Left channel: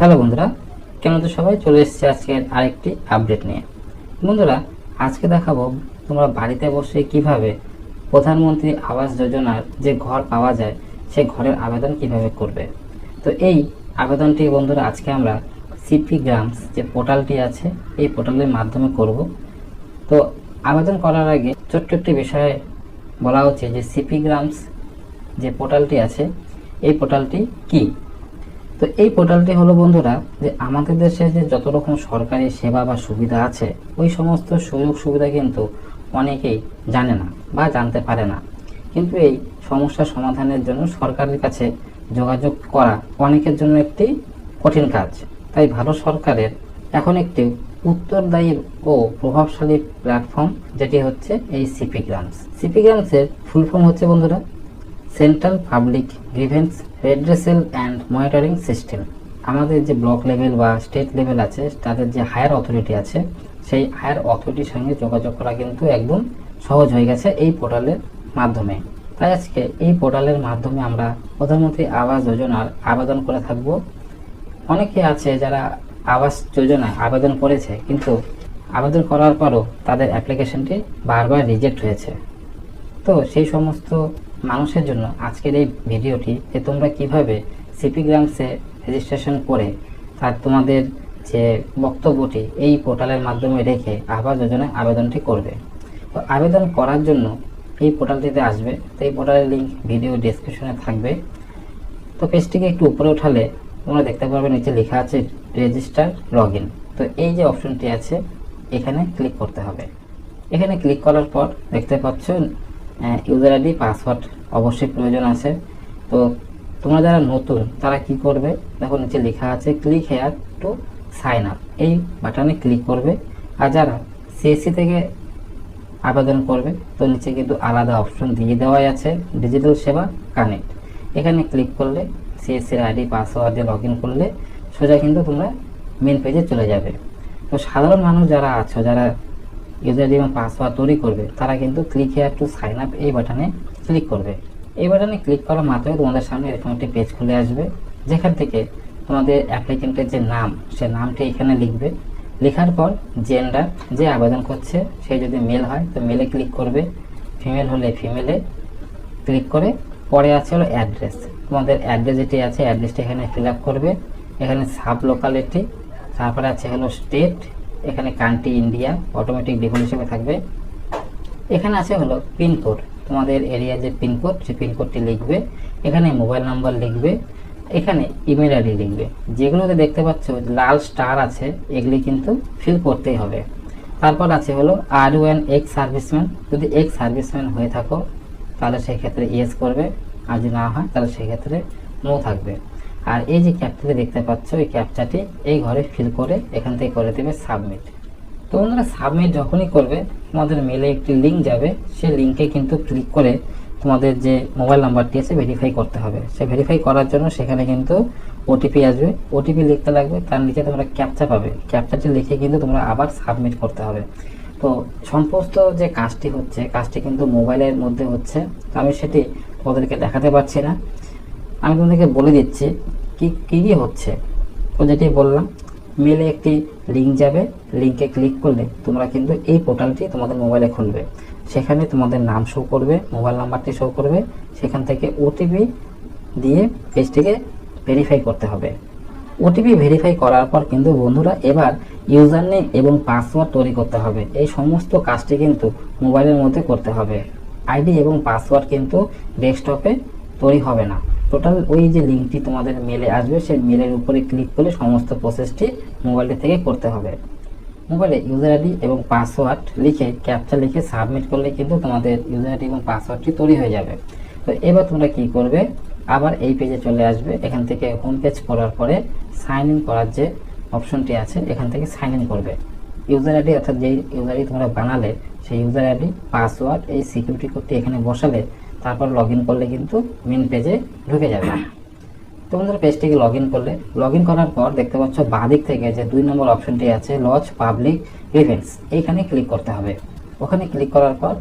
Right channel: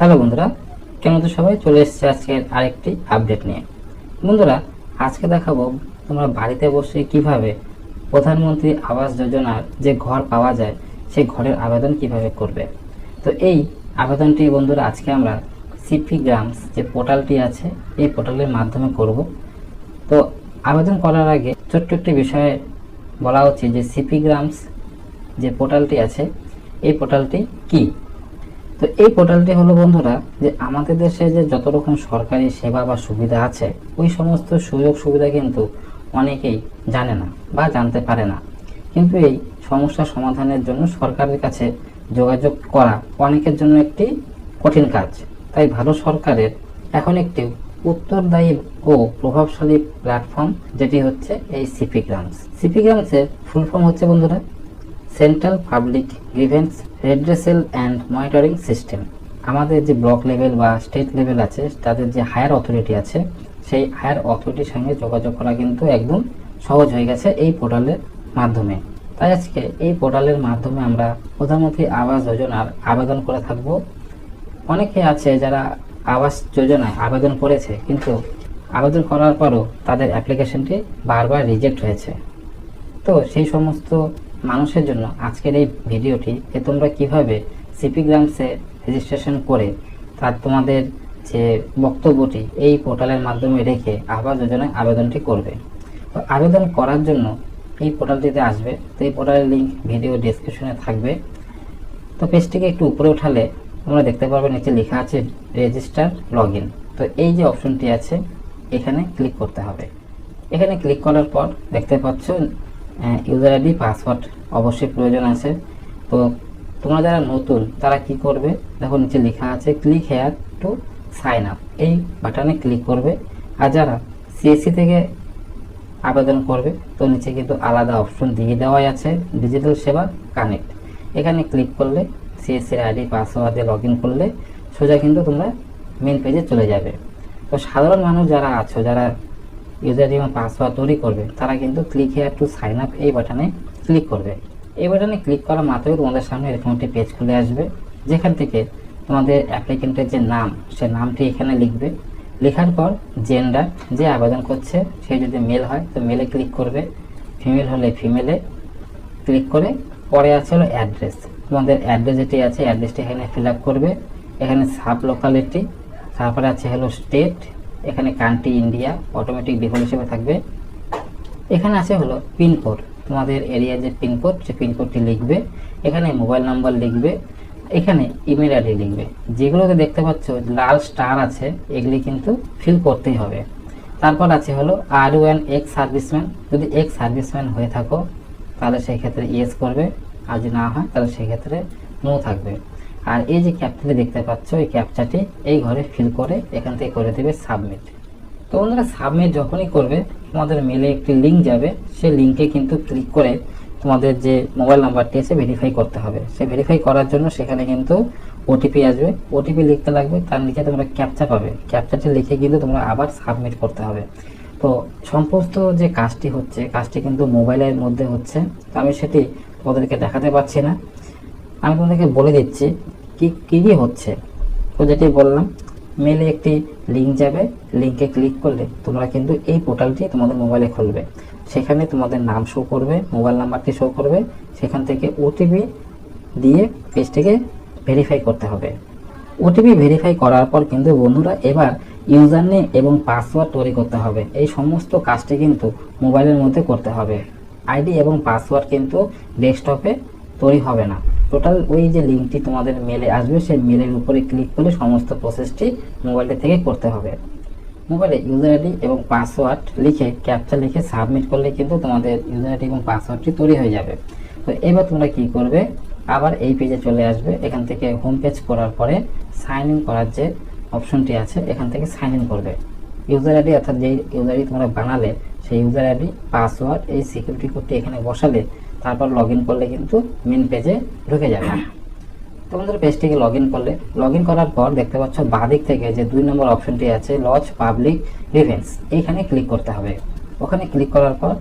Hello বন্ধুরা, কেমন তো সবাই? চলে এসেছে আজকের আরেকটি আপডেট নিয়ে। বন্ধুরা, আজকে দেখাবো তোমরা বাড়িতে বসে কিভাবে প্রধানমন্ত্রী আবাস যোজনার যে ঘর পাওয়া যায় সেই ঘরের আবেদন কিভাবে করবে। তো এই আবেদনটি বন্ধুরা আজকে আমরা সিপি গ্রামস যে পোর্টালটি আছে এই পোর্টালের মাধ্যমে করব। তো আবেদন করার আগে ছোট্ট একটি বিষয়ে বলা উচিত যে সিপি গ্রামস যে পোর্টালটি আছে এই পোর্টালটি কি। তো এই পোর্টালটি হলো বন্ধুরা যে আমাদের দেশে যে যত রকম সরকারি সেবা বা সুবিধা আছে ওই সমস্ত সুযোগ সুবিধা কিন্তু অনেকেই জানে না বা জানতে পারে না। কিন্তু এই সমস্যা সমাধানের জন্য সরকারের কাছে যোগাযোগ করা অনেকের জন্য একটি কঠিন কাজ। তাই ভালো সরকারের এখন একটি উত্তরদায়ী ও প্রভাবশালী প্ল্যাটফর্ম যেটি হচ্ছে এই সিপি গ্রামস। সিপি গ্রামসের ফুল ফর্ম হচ্ছে বন্ধুরা central public grievance redressal and monitoring system. আমাদের যে ব্লক লেভেল বা স্টেট লেভেল আছে তাদের যে হায়ার অথরিটি আছে সেই হায়ার অথরিটির সঙ্গে যোগাযোগ করা কিন্তু একদম সহজ হয়ে গেছে এই পোর্টালের মাধ্যমে। তাই আজকে এই পোর্টালের মাধ্যমে আমরা প্রধানমন্ত্রী আবাস যোজনার আবেদন করে থাকব। অনেকে আছে যারা আবাস যোজনায় আবেদন করেছে কিন্তু আবেদন করার পরও তাদের অ্যাপ্লিকেশনটি বারবার রিজেক্ট হয়েছে। তো সেই সমস্ত মানুষের জন্য আজকের এই ভিডিওটি যে তোমরা কিভাবে সিপি গ্রামসে রেজিস্ট্রেশন করে তার তোমাদের যে বক্তব্যটি এই পোর্টালের মাধ্যমে রেখে আবাস যোজনায় আবেদনটি করবে। তো আবেদন করার জন্য এই পোর্টালটিতে আসবে। তো এই পোর্টালের লিঙ্ক ভিডিও ডেসক্রিপশনে থাকবে। তো পেজটিকে একটু উপরে উঠালে তোমরা দেখতে পারবে নিচে লেখা আছে রেজিস্টার লগ ইন। তো এই যে অপশনটি আছে এখানে ক্লিক করতে হবে। এখানে ক্লিক করার পর দেখতে পাচ্ছ ইউজার আইডি পাসওয়ার্ড অবশ্যই প্রয়োজন আছে। তো তোমরা যারা নতুন তারা কি করবে, দেখো নিচে লেখা আছে click here to sign up, এই বাটনে ক্লিক করবে। আর যারা সিএসসি থেকে আবেদন করবে তো নিচে কিন্তু আলাদা অপশন দিয়ে দেওয়াই আছে ডিজিটাল সেবা কানেক্ট। এখানে ক্লিক করলে সিএসসির আইডি পাসওয়ার্ড দিয়ে লগ ইন করলে সোজা কিন্তু তোমরা মেন পেজে চলে যাবে। তো সাধারণ মানুষ যারা আছো যারা ইউজার আইডি এবং পাসওয়ার্ড তৈরি করবে তারা কিন্তু click here to sign up এই বাটনে ক্লিক করবে। এই বাটনে ক্লিক করা মাত্রই তোমাদের সামনে এরকম একটি পেজ খুলে আসবে, যেখান থেকে তোমাদের অ্যাপ্লিকেন্টের যে নাম সে নামটি এখানে লিখবে। লেখার পর জেন্ডার, যে আবেদন করছে সে যদি মেল হয় তো মেলে ক্লিক করবে, ফিমেল হলে ফিমেলে ক্লিক করে পরে আছে হলো অ্যাড্রেস। তোমাদের অ্যাড্রেস যেটি আছে অ্যাড্রেসটি এখানে ফিল আপ করবে। এখানে সাব লোকালিটি, তারপরে আছে হলো স্টেট, এখানে কান্ট্রি ইন্ডিয়া অটোমেটিক ডিফল্ট হিসেবে থাকবে। এখানে আছে হলো পিনকোড, তোমাদের এরিয়া যে পিনকোড সে পিনকোডটি লিখবে। এখানে মোবাইল নাম্বার লিখবে, এখানে ইমেল আইডি লিখবে। যেগুলোতে দেখতে পাচ্ছ লাল স্টার আছে এগুলি কিন্তু ফিল করতেই হবে। তারপর আছে হলো are you an ex serviceman, যদি এক্স সার্ভিসম্যান হয়ে থাকো তাহলে সেই ক্ষেত্রে ইয়েস করবে, আর যদি না হয় তাহলে সেই ক্ষেত্রে নো থাকবে। আর এই যে ক্যাপচাটি দেখতে পাচ্ছ এই ক্যাপচাটি এই ঘরে ফিল করে এখান থেকে করে দেবে সাবমিট। তো বন্ধুরা সাবমিট যখনই করবে তোমাদের মেলে একটি লিঙ্ক যাবে, সেই লিঙ্কে কিন্তু ক্লিক করে তোমাদের যে মোবাইল নাম্বারটি আছে ভেরিফাই করতে হবে। সে ভেরিফাই করার জন্য সেখানে কিন্তু ওটিপি আসবে, ওটিপি লিখতে লাগবে, তার নিচে তোমরা ক্যাপচা পাবে, ক্যাপচাটি লিখে কিন্তু তোমরা আবার সাবমিট করতে হবে। তো সমস্ত যে কাজটি হচ্ছে কাজটি কিন্তু মোবাইলের মধ্যে হচ্ছে। তো আমি সেটি তোমাদেরকে দেখাতে পারছি না, আমি তোমাদেরকে বলে দিচ্ছি কি কী হচ্ছে। তো যেটি বললাম মেলে একটি লিঙ্ক যাবে, লিঙ্কে ক্লিক করলে তোমরা কিন্তু এই পোর্টালটি তোমাদের মোবাইলে খুলবে। সেখানে তোমাদের নাম শো করবে, মোবাইল নাম্বারটি শো করবে, সেখান থেকে ওটিপি দিয়ে পেজটিকে ভেরিফাই করতে হবে। ওটিপি ভেরিফাই করার পর কিন্তু বন্ধুরা এবার ইউজার নেম এবং পাসওয়ার্ড তৈরি করতে হবে। এই সমস্ত কাজটি কিন্তু মোবাইলের মধ্যে করতে হবে। আইডি এবং পাসওয়ার্ড কিন্তু ডেস্কটপে তৈরি হবে না। টোটাল ওই যে লিঙ্কটি তোমাদের মেলে আসবে সেই মেলের উপরে ক্লিক করে সমস্ত প্রসেসটি মোবাইলটি থেকে করতে হবে। মোবাইলে ইউজার আইডি এবং পাসওয়ার্ড লিখে ক্যাপচা লিখে সাবমিট করলে কিন্তু তোমাদের ইউজার আইডি এবং পাসওয়ার্ডটি তৈরি হয়ে যাবে। তো এবার তোমরা কি করবে, আবার এই পেজে চলে আসবে। এখান থেকে হোম পেজ করার পরে সাইন ইন করার যে অপশনটি আছে এখান থেকে সাইন ইন করবে। ইউজার আইডি অর্থাৎ যেই ইউজার আইডি তোমরা বানালে সেই ইউজার আইডি পাসওয়ার্ড এই সিকিউরিটি কোডটি এখানে বসালে, তারপর লগ ইন করলে কিন্তু মেন পেজে ঢুকে যাবে। তোমাদের পেজটিকে লগ ইন করলে, লগ ইন করার পর দেখতে পাচ্ছ বাঁদিক থেকে যে 2 নম্বর অপশনটি আছে লজ পাবলিক গ্রিভেন্স, এইখানে ক্লিক করতে হবে। ওখানে ক্লিক করার পর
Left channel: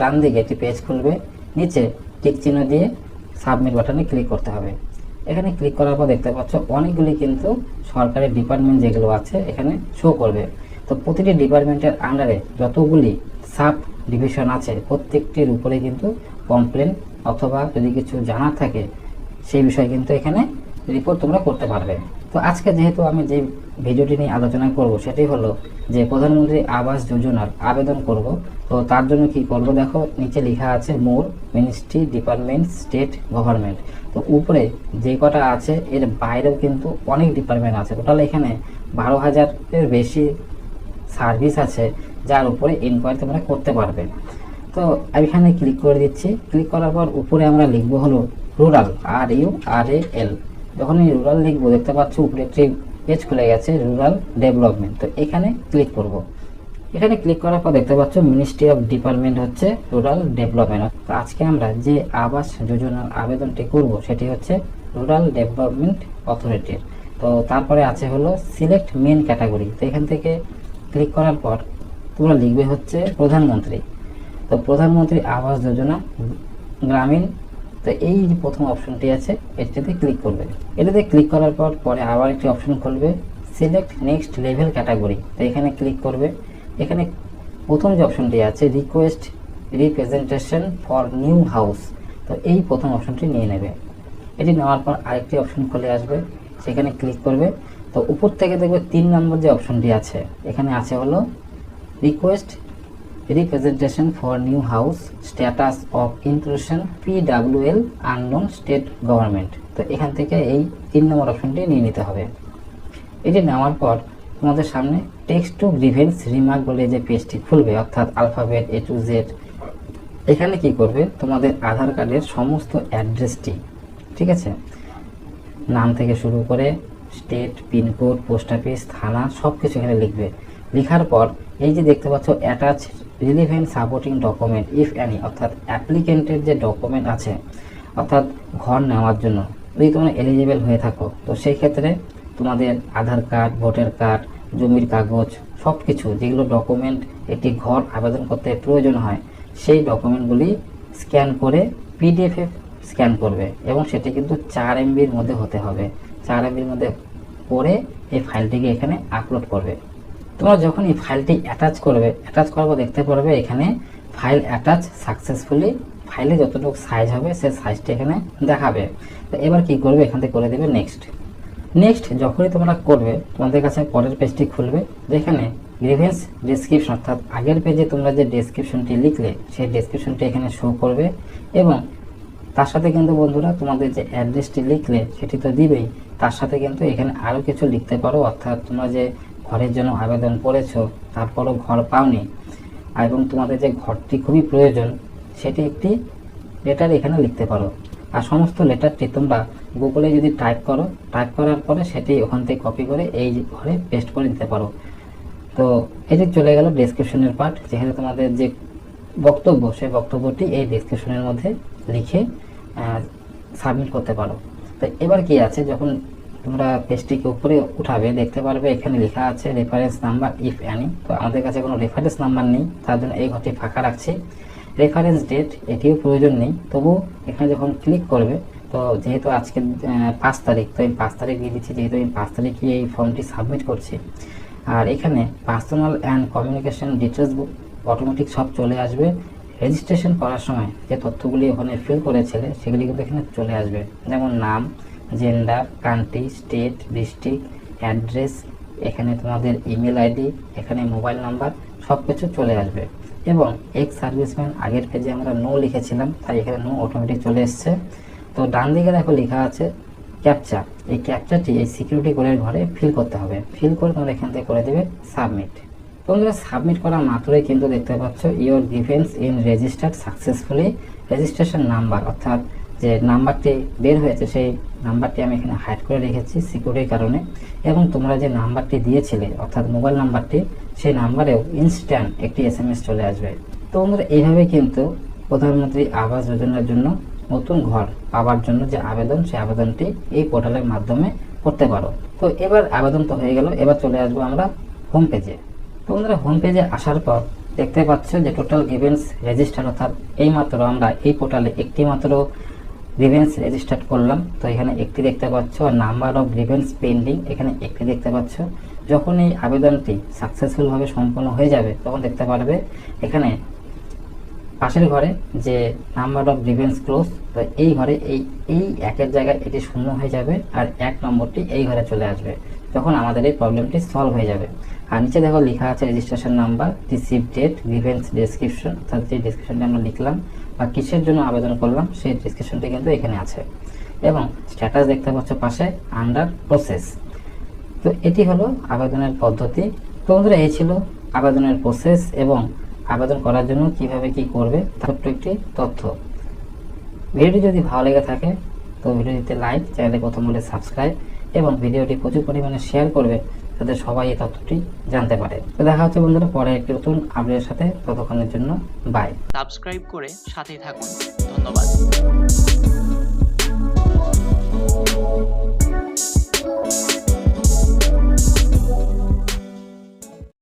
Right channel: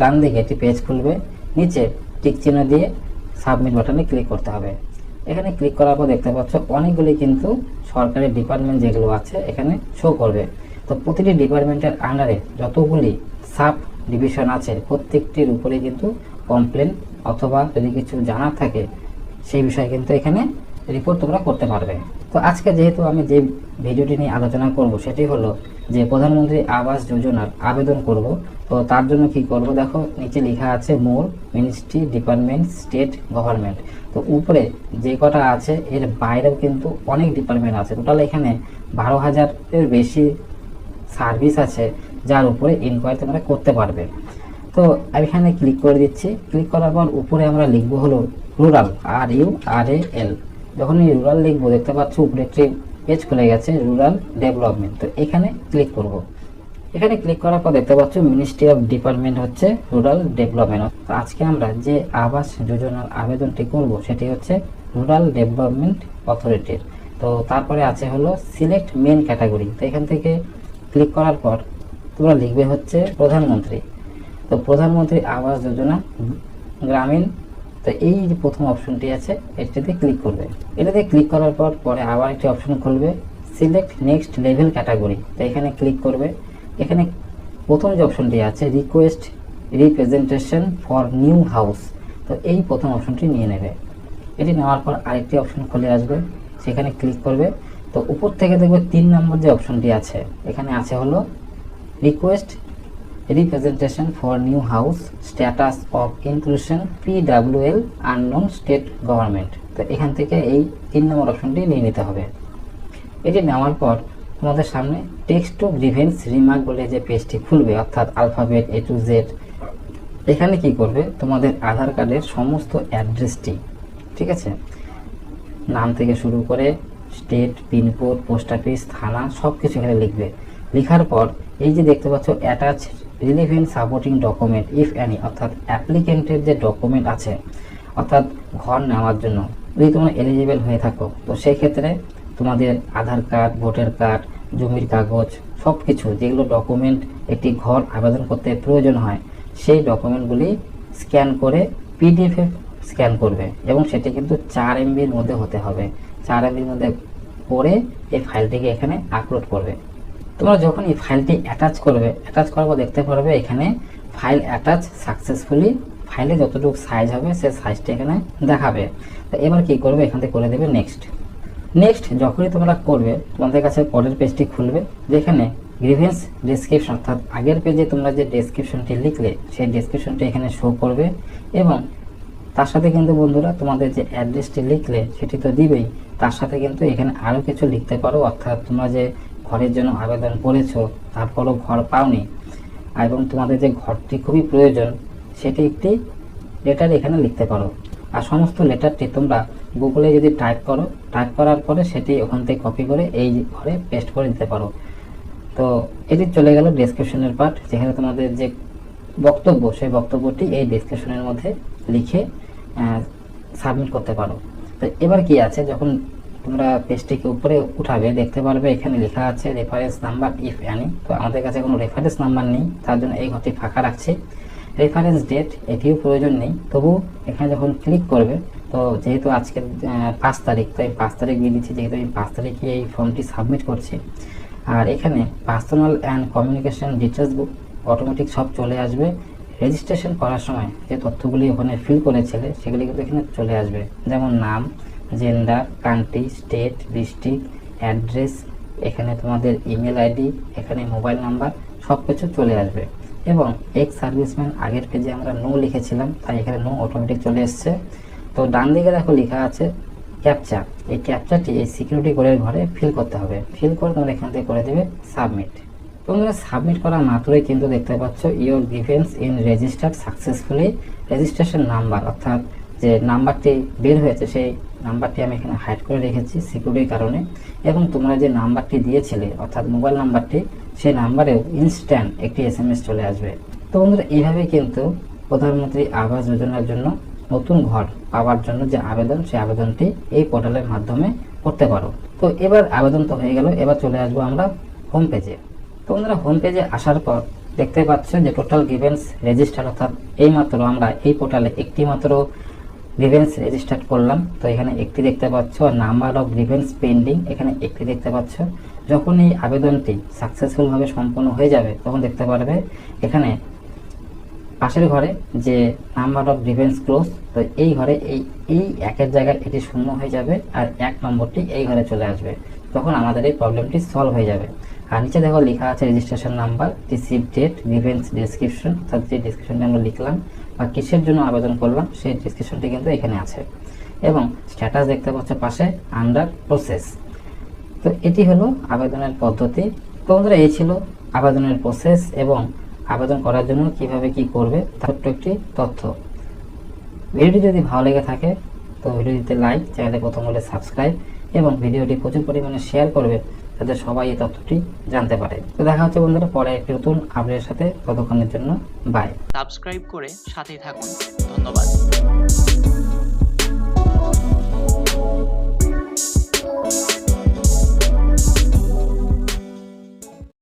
ডান দিকে একটি পেজ খুলবে, নিচে টিক চিহ্ন দিয়ে সাবমিট বাটনে ক্লিক করতে হবে। এখানে ক্লিক করার পর দেখতে পাচ্ছ অনেকগুলি কিন্তু সরকারি ডিপার্টমেন্ট যেগুলো আছে এখানে শো করবে। তো প্রতিটি ডিপার্টমেন্টের আন্ডারে যতগুলি সাব ডিভিশন আছে প্রত্যেকটির উপরে কিন্তু কমপ্লেন অথবা যদি কিছু জানার থাকে সেই বিষয়ে কিন্তু এখানে রিপোর্ট তোমরা করতে পারবে। তো আজকে যেহেতু আমি যে ভিডিওটি নিয়ে আলোচনা করব সেটি হলো যে প্রধানমন্ত্রী আবাস যোজনার আবেদন করব। তো তার জন্য কি করব, দেখো নিচে লেখা আছে মোর মিনিস্ট্রি ডিপার্টমেন্ট স্টেট গভর্নমেন্ট। তো উপরে যে কটা আছে এর বাইরেও কিন্তু অনেক ডিপার্টমেন্ট আছে, টোটাল এখানে 12,000-এর বেশি সার্ভিস আছে যার উপরে ইনকোয়ারি তোমরা করতে পারবে। তো আমি এখানে ক্লিক করে দিচ্ছি। ক্লিক করার পর উপরে আমরা লিখবো হলো রুরাল, RURAL। যখন এই রুরাল লিখবো দেখতে পাচ্ছ উপরে একটি পেজ খুলে গেছে রুরাল ডেভেলপমেন্ট। তো এখানে ক্লিক করব। এখানে ক্লিক করার পর দেখতে পাচ্ছ মিনিস্ট্রি অফ ডিপার্টমেন্ট হচ্ছে রুরাল ডেভেলপমেন্ট। তো আজকে আমরা যে আবাস যোজনার আবেদনটি করব সেটি হচ্ছে রুরাল ডেভেলপমেন্ট অথরিটির। তো তারপরে আছে হলো সিলেক্ট মেন ক্যাটাগরি। তো এখান থেকে ক্লিক করার পর তোমরা লিখবে হচ্ছে প্রধানমন্ত্রী। তো প্রধানমন্ত্রী আবাস যোজনা গ্রামীণ। তো এই যে প্রথম অপশনটি আছে এটাতে ক্লিক করবে। এটাতে ক্লিক করার পর পরে আবার একটি অপশন খুলবে সিলেক্ট নেক্সট লেভেল ক্যাটাগরি। তো এখানে ক্লিক করবে। এখানে প্রথম যে অপশনটি আছে request representation for new house. তো এই প্রথম অপশনটি নিয়ে নেবে। এটি নেওয়ার পর আরেকটি অপশন খুলে আসবে, সেখানে ক্লিক করবে। তো উপর থেকে দেখবে 3 নম্বর যে অপশনটি আছে এখানে আছে হলো request representation for new house status of inclusion PWL unknown state government. তো এখান থেকে এই 3 নম্বর অপশনটি নিয়ে নিতে হবে। এটি নেওয়ার পর তোমাদের সামনে টেক্সট টু গ্রিভেন্স রিমার্ক বলে যে পেজটি খুলবে, অর্থাৎ আলফাবেট A to Z। এখানে কি করবে, তোমাদের আধার কার্ডের সমস্ত অ্যাড্রেসটি, ঠিক আছে, নাম থেকে শুরু করে স্টেট, পিনকোড, পোস্ট অফিস, থানা সব কিছু এখানে লিখবে। লেখার পর এই যে দেখতে পাচ্ছ attach relevant supporting document if any, অর্থাৎ অ্যাপ্লিকেন্টের যে ডকুমেন্ট আছে অর্থাৎ ঘর নেওয়ার জন্য যদি তোমরা এলিজিবল হয়ে থাকো তো সেই ক্ষেত্রে তোমাদের আধার কার্ড, ভোটার কার্ড, জমির কাগজ সব কিছু যেগুলো ডকুমেন্ট একটি ঘর আবেদন করতে প্রয়োজন হয় সেই ডকুমেন্টগুলি স্ক্যান করে PDF-এ স্ক্যান করবে এবং সেটা কিন্তু 4 MB-র মধ্যে হতে হবে। 4 MB-র মধ্যে করে এই ফাইলটিকে এখানে আপলোড করবে। তোমরা যখন এই ফাইলটি অ্যাটাচ করবে, অ্যাটাচ করার পর দেখতে পারবে এখানে ফাইল অ্যাটাচ সাকসেসফুলি। ফাইলে যতটুকু সাইজ হবে সেই সাইজটি এখানে দেখাবে। তো এবার কি করবে, এখান থেকে করে দেবে নেক্সট। নেক্সট যখনই তোমরা করবে তোমাদের কাছে পরের পেজটি খুলবে, যেখানে গ্রিভেন্স ডেসক্রিপশন, অর্থাৎ আগের পেজে তোমরা যে ডেসক্রিপশনটি লিখলে সেই ডেসক্রিপশনটি এখানে শো করবে এবং তার সাথে কিন্তু বন্ধুরা তোমাদের যে অ্যাড্রেসটি লিখলে সেটি তো দিবেই, তার সাথে কিন্তু এখানে আরও কিছু লিখতে পারো। অর্থাৎ তোমরা যে ঘরের জন্য আবেদন করেছো তারপরও ঘর পাওনি এবং তোমাদের যে ঘরটি খুবই প্রয়োজন সেটি একটি লেটার এখানে লিখতে পারো। আর সমস্ত লেটারটি তোমরা গুগলে যদি টাইপ করো, টাইপ করার পরে সেটি ওখান থেকে কপি করে এই ঘরে পেস্ট করে দিতে পারো। তো এটি চলে গেল ডেসক্রিপশনের পার্ট, যেখানে তোমাদের যে বক্তব্য সেই বক্তব্যটি এই ডেসক্রিপশনের মধ্যে লিখে সাবমিট করতে পারো। তো এবার কি আছে, যখন তোমরা পেজটিকে উপরে উঠাবে দেখতে পারবে এখানে লেখা আছে রেফারেন্স নাম্বার ইফ অ্যানি। তো আমাদের কাছে কোনো রেফারেন্স নাম্বার নেই, তার জন্য এই ঘরটি ফাঁকা রাখছি। রেফারেন্স ডেট এটিও প্রয়োজন নেই, তবু এখানে যখন ক্লিক করবে তো যেহেতু আজকে 5 তারিখ, তো আমি 5 তারিখ দিয়ে দিচ্ছি, যেহেতু আমি 5 তারিখে এই ফর্মটি সাবমিট করছি। আর এখানে personal and communication details book automatic সব চলে আসবে। রেজিস্ট্রেশন করার সময় যে তথ্যগুলি ওখানে ফিল করেছিলে সেগুলি কিন্তু এখানে চলে আসবে, যেমন নাম, gender, country, state, district, address, এখানে তোমাদের ইমেল আইডি, এখানে মোবাইল নাম্বার সব কিছু চলে আসবে। এবং এক্স সার্ভিসম্যান আগের পেজে আমরা নো লিখেছিলাম, তাই এখানে নো অটোমেটিক চলে এসছে। তো ডান দিকে দেখো লেখা আছে ক্যাপচা। এই ক্যাপচাটি এই সিকিউরিটি কোডের ঘরে ফিল করতে হবে। ফিল করে তোমরা এখান থেকে করে দেবে সাবমিট। তোমরা সাবমিট করা মাত্রই কিন্তু দেখতে পাচ্ছ your defence in registered successfully, registration number, অর্থাৎ যে নাম্বারটি বের হয়েছে সেই নাম্বারটি আমি এখানে হাইড করে রেখেছি সিকিউরিটির কারণে। এবং তোমরা যে নাম্বারটি দিয়েছিলে অর্থাৎ মোবাইল নাম্বারটি, সেই নাম্বারেও ইনস্ট্যান্ট একটি SMS চলে আসবে। তো বন্ধুরা এইভাবেই কিন্তু প্রধানমন্ত্রী আবাস যোজনার জন্য নতুন ঘর পাওয়ার জন্য যে আবেদন, সেই আবেদনটি এই পোর্টালের মাধ্যমে করতে পারো। তো এবার আবেদন তো হয়ে গেল, এবার চলে আসবো আমরা হোম পেজে। তো বন্ধুরা হোম পেজে আসার পর দেখতে পাচ্ছ যে টোটাল গিভেন্স রেজিস্টার, অর্থাৎ এইমাত্র আমরা এই পোর্টালে একটি মাত্র গ্রিভেন্স রেজিস্টার্ড করলাম, তো এখানে একটি দেখতে পাচ্ছ, আর নাম্বার অফ গ্রিভেন্স পেন্ডিং এখানে একটি দেখতে পাচ্ছ। যখন এই আবেদনটি সাকসেসফুলভাবে সম্পন্ন হয়ে যাবে তখন দেখতে পারবে এখানে পাশের ঘরে যে নাম্বার অফ গ্রিভেন্স ক্লোজ, তো এই ঘরে এই একের জায়গায় এটি শূন্য হয়ে যাবে আর 1 নম্বরটি এই ঘরে চলে আসবে, তখন আমাদের এই প্রবলেমটি সলভ হয়ে যাবে। আর নিচে দেখো লেখা আছে registration number, receive date, grievance description, অর্থাৎ যে ডেসক্রিপশনটি আমরা লিখলাম বা কিসের জন্য আবেদন করলাম সেই ডেসক্রিপশনটি কিন্তু এখানে আছে, এবং স্ট্যাটাস দেখতে পাচ্ছ পাশে আন্ডার প্রসেস। তো এটি হলো আবেদনের পদ্ধতি। তো বন্ধুরা, এই ছিল আবেদনের প্রসেস এবং আবেদন করার জন্য কিভাবে কি করবে তার একটি তথ্য। ভিডিওটি যদি ভালো লেগে থাকে তো ভিডিওটিতে লাইক, চ্যানেলে প্রথম হলে সাবস্ক্রাইব এবং ভিডিওটি প্রচুর পরিমাণে শেয়ার করবে যাতে সবাই এই তথ্যটি জানতে পারে। তো দেখা হচ্ছে বন্ধুরা পরে একটি নতুন আপডেটের সাথে, ততক্ষণের জন্য বাই। সাবস্ক্রাইব করে সাথেই থাকুন। ধন্যবাদ।